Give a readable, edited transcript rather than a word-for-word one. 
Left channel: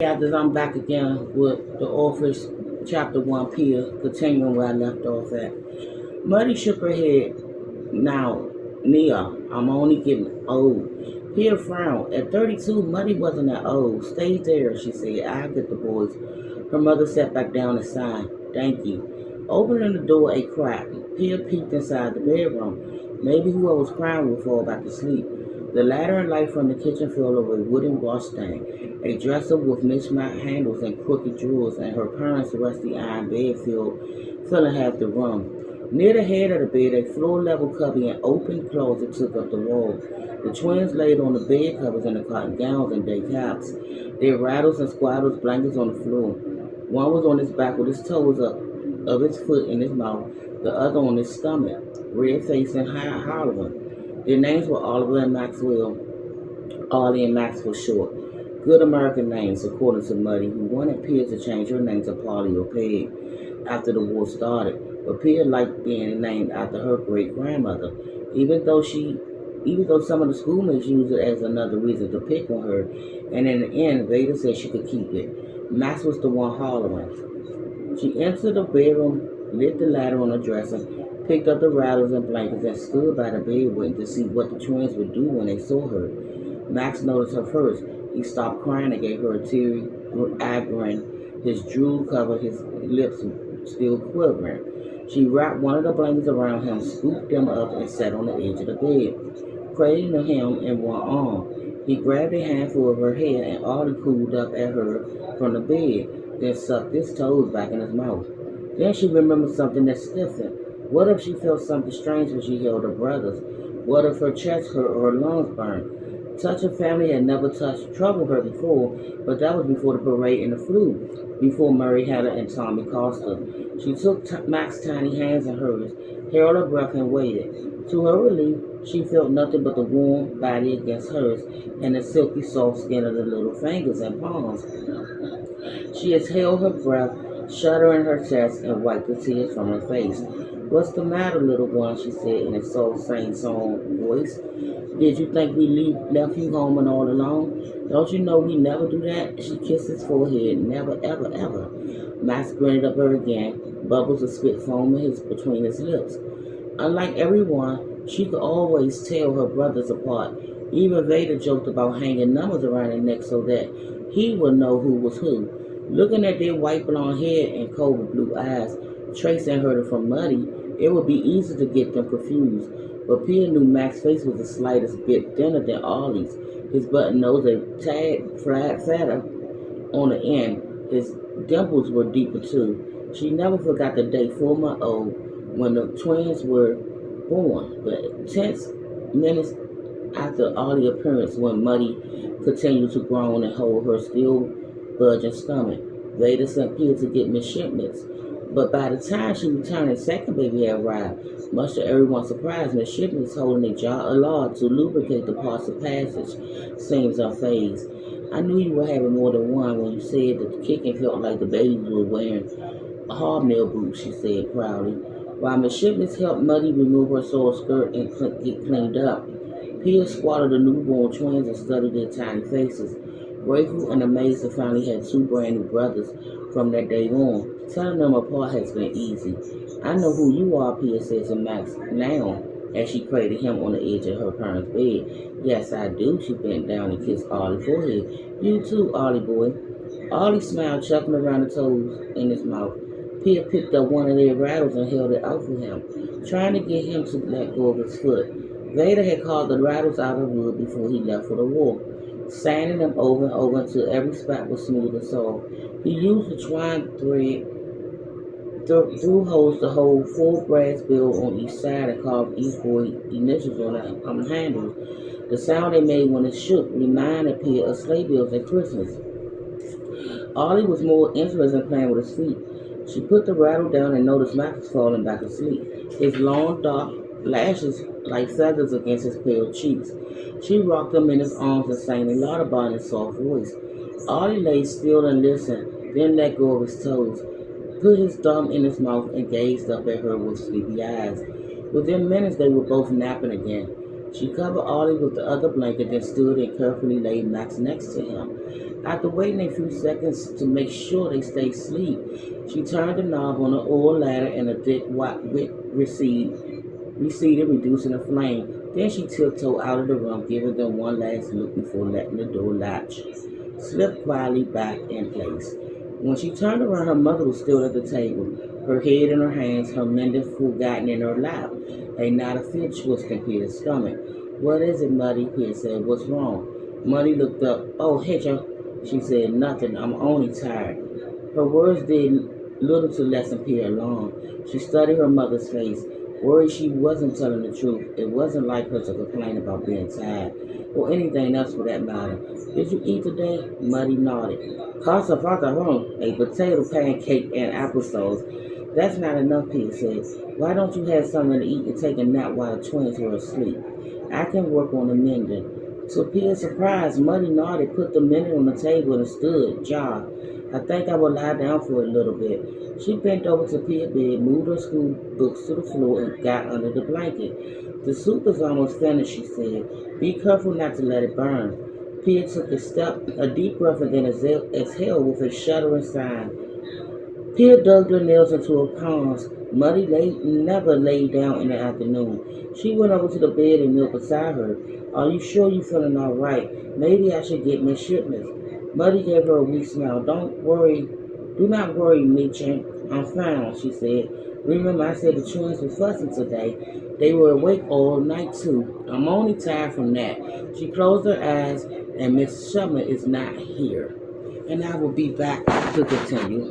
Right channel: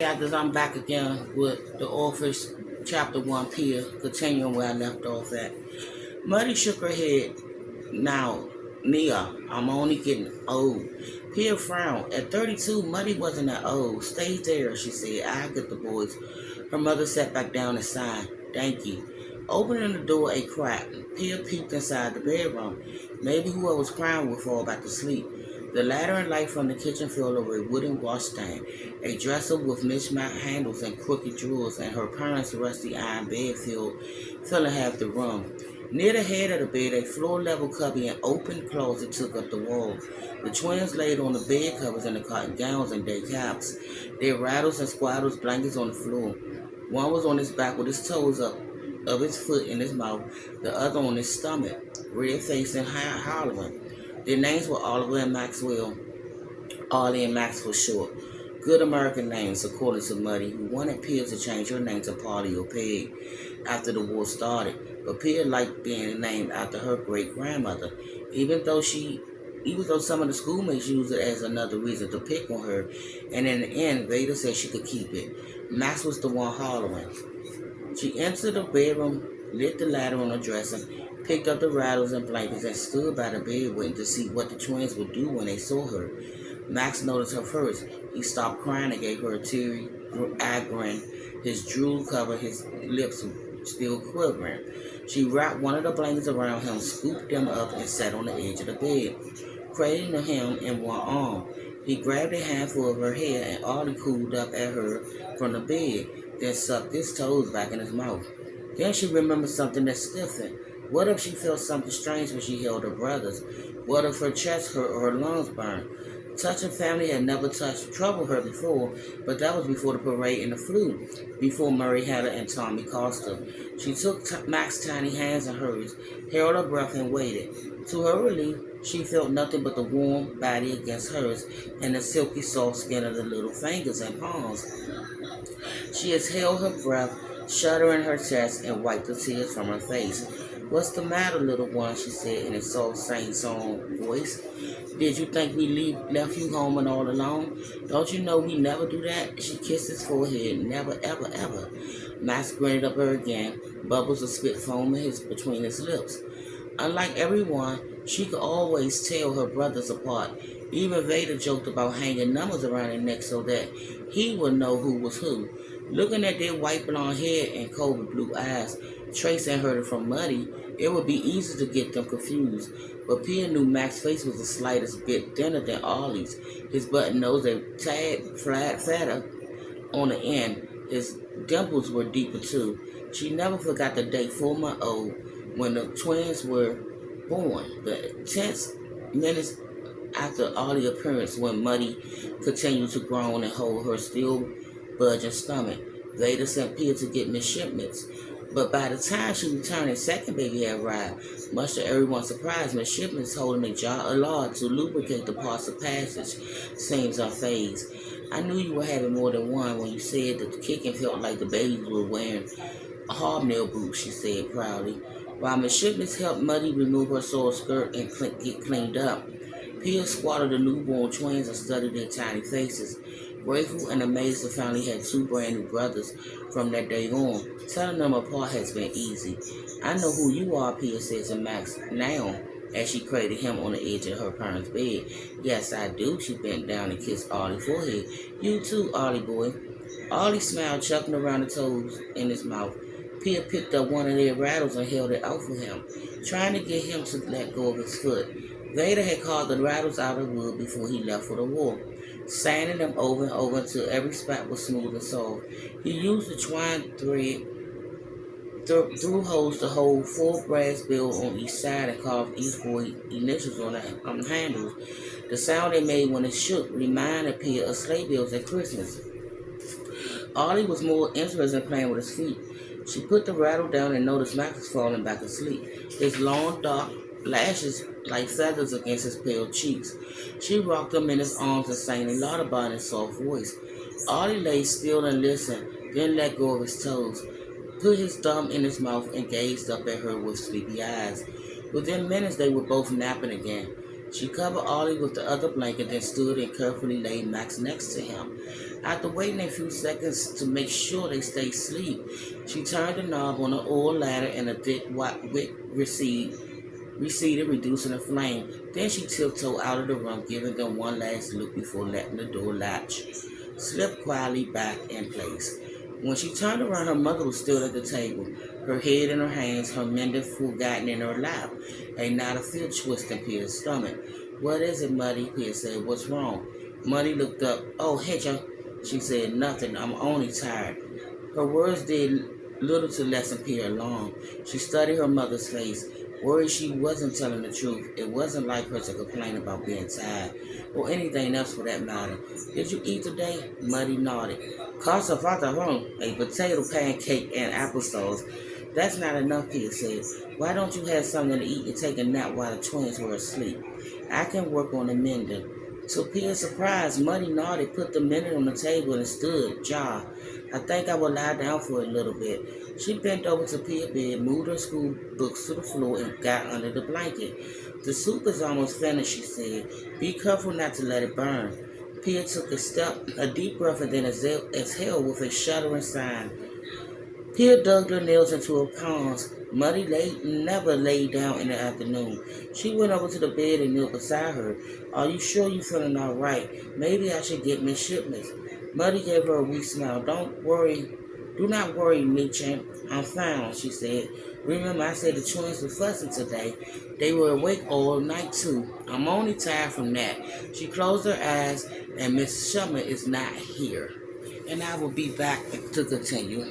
After I'm back again with the Orphan Chapter 1 Pia, continuing where I left off at. Muddy shook her head. Now, Mia, I'm only getting old. Pia frowned. At 32, Muddy wasn't that old. Stay there, she said. I'll get the boys. Her mother sat back down and sighed. Thank you. Opening the door a crack, Pia peeked inside the bedroom. Maybe who I was crying with fall back to sleep. The ladder and light from the kitchen fell over a wooden washstand, a dresser with mismatched handles and crooked drawers, and her parents' rusty iron bed filling half the room. Near the head of the bed, a floor-level cubby and open closet took up the wall. The twins laid on the bed covers in the cotton gowns and day caps. Their rattles and squattles blankets on the floor. One was on his back with his toes up of his foot in his mouth, the other on his stomach, red-faced and hollering. Their names were Oliver and Maxwell, Ollie and Max for short. Good American names, according to Muddy, who wanted Pia to change her name to Polly or Peg after the war started. But Pia liked being named after her great-grandmother, even though some of the schoolmates used it as another reason to pick on her, and in the end, Veda said she could keep it. Max was the one hollering. She entered the bedroom, lit the ladder on the dresser, picked up the rattles and blankets, and stood by the bed waiting to see what the twins would do when they saw her. Max noticed her first. He stopped crying and gave her a teary-eyed grin. His drool covered his lips, still quivering. She wrapped one of the blankets around him, scooped him up, and sat on the edge of the bed, cradling him in one arm. He grabbed a handful of her hair, and Ollie cooled up at her from the bed, then sucked his toes back in his mouth. Then she remembered something that stiffened. What if she felt something strange when she held her brothers? What if her chest hurt or her lungs burned? Touching family had never troubled her before, but that was before the parade and the flu, before Murray Hatter and Tommy Costa. She took Max's tiny hands in hers, held her breath, and waited. To her relief, she felt nothing but the warm body against hers and the silky soft skin of the little fingers and palms. She exhaled her breath, shuddering her chest, and wiped the tears from her face. What's the matter, little one? She said in a soft, sing-song voice. Did you think we left you home and all alone? Don't you know we never do that? She kissed his forehead. Never, ever, ever. Max grinned up her again, bubbles of spit foaming between his lips. Unlike everyone, she could always tell her brothers apart. Even Vader joked about hanging numbers around their neck so that he would know who was who. Looking at their white blonde hair and cold blue eyes, Tracy and heard it from Muddy, it would be easy to get them confused. But Pia knew Max's face was the slightest bit thinner than Ollie's. His button nose a tad fatter on the end. His dimples were deeper too. She never forgot the day 4 months old when the twins were born. The tense minutes after Ollie's appearance when Muddy continued to groan and hold her still budging stomach. Vader sent Pia to get midshipments. But by the time she returned, a second baby had arrived. Much to everyone's surprise, midshipments holding a jar of lard to lubricate the parts of passage seems unfazed. I knew you were having more than one when you said that the kicking felt like the babies were wearing hobnail boots, she said proudly. While midshipments helped Muddy remove her soiled skirt and get cleaned up, Pia squatted the newborn twins and studied their tiny faces. Grateful and amazed the family had two brand new brothers from that day on. Telling them apart has been easy. I know who you are, Pia said to Max now, as she cradled him on the edge of her parents' bed. Yes, I do, she bent down and kissed Ollie's forehead. You too, Ollie boy. Ollie smiled, chuckling around the toes in his mouth. Pia picked up one of their rattles and held it out for him, trying to get him to let go of his foot. Vader had carved the rattles out of wood before he left for the war, sanding them over and over until every spot was smooth and soft. He used the twine thread through holes to hold 4 brass bills on each side and carved each boy's initials on the handles. The sound they made when it shook reminded Pia of sleigh bells at Christmas. Ollie was more interested in playing with his feet. She put the rattle down and noticed Max was falling back asleep, his long dark lashes like feathers against his pale cheeks. She rocked him in his arms and sang a lullaby in a soft voice. Ollie lay still and listened, then let go of his toes, put his thumb in his mouth, and gazed up at her with sleepy eyes. Within minutes, they were both napping again. She covered Ollie with the other blanket, then stood and carefully laid Max next to him. After waiting a few seconds to make sure they stayed asleep, she turned the knob on the oil ladder and a thick wick receded, reducing the flame. Then she tiptoed out of the room, giving them one last look before letting the door latch slip quietly back in place. When she turned around, her mother was still at the table, her head in her hands, her mending forgotten in her lap. A knot of fear twisting Peter's stomach. "What is it, Muddy?" Peter said. "What's wrong?" Muddy looked up. "Oh, Hitcher," she said. "Nothing. I'm only tired." Her words did little to lessen Peter's alarm. She studied her mother's face, worried she wasn't telling the truth. It wasn't like her to complain about being tired, or anything else for that matter. "Did you eat today?" Muddy nodded. "Casa fata home, a potato pancake and applesauce." "That's not enough," Peter said. "Why don't you have something to eat and take a nap while the twins were asleep? I can work on the mending." To Peter's surprise, Muddy nodded, put the mending on the table, and stood, jaw. "I think I will lie down for a little bit." She bent over to Peter's bed, moved her school books to the floor, and got under the blanket. "The soup is almost finished," she said. "Be careful not to let it burn." Peter took a deep breath, and then exhaled with a shuddering sigh. Peter dug her nails into her palms. Muddy never laid down in the afternoon. She went over to the bed and knelt beside her. "Are you sure you're feeling all right? Maybe I should get Miss Shipments." Muddy gave her a weak smile. Do not worry, Nietzsche. I'm fine," she said. "Remember I said the twins were fussing today. They were awake all night, too. I'm only tired from that." She closed her eyes, and Miss Summer is not here. And I will be back to continue.